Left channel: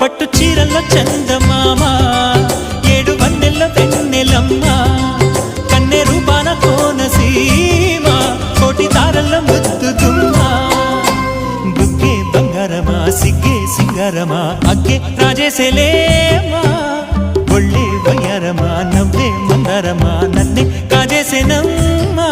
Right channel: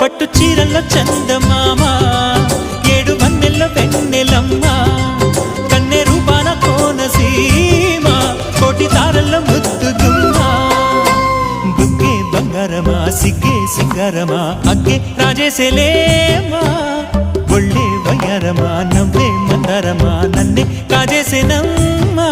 పట్టు చీరల్లో చందమామ ఏడు వన్నెల్లో వెన్నెలమ్మ కన్నె రూపాన కోనసీమ కోటి తారల్లో ముద్దు గుమ్మ బుగ్గే బంగారమా సిగ్గే సింగారమా అగ్గే రాజేసేలేమా ఒళ్ళే వయ్యారమా నవ్వే మందారమా నన్నే కాజేసేనమ్మా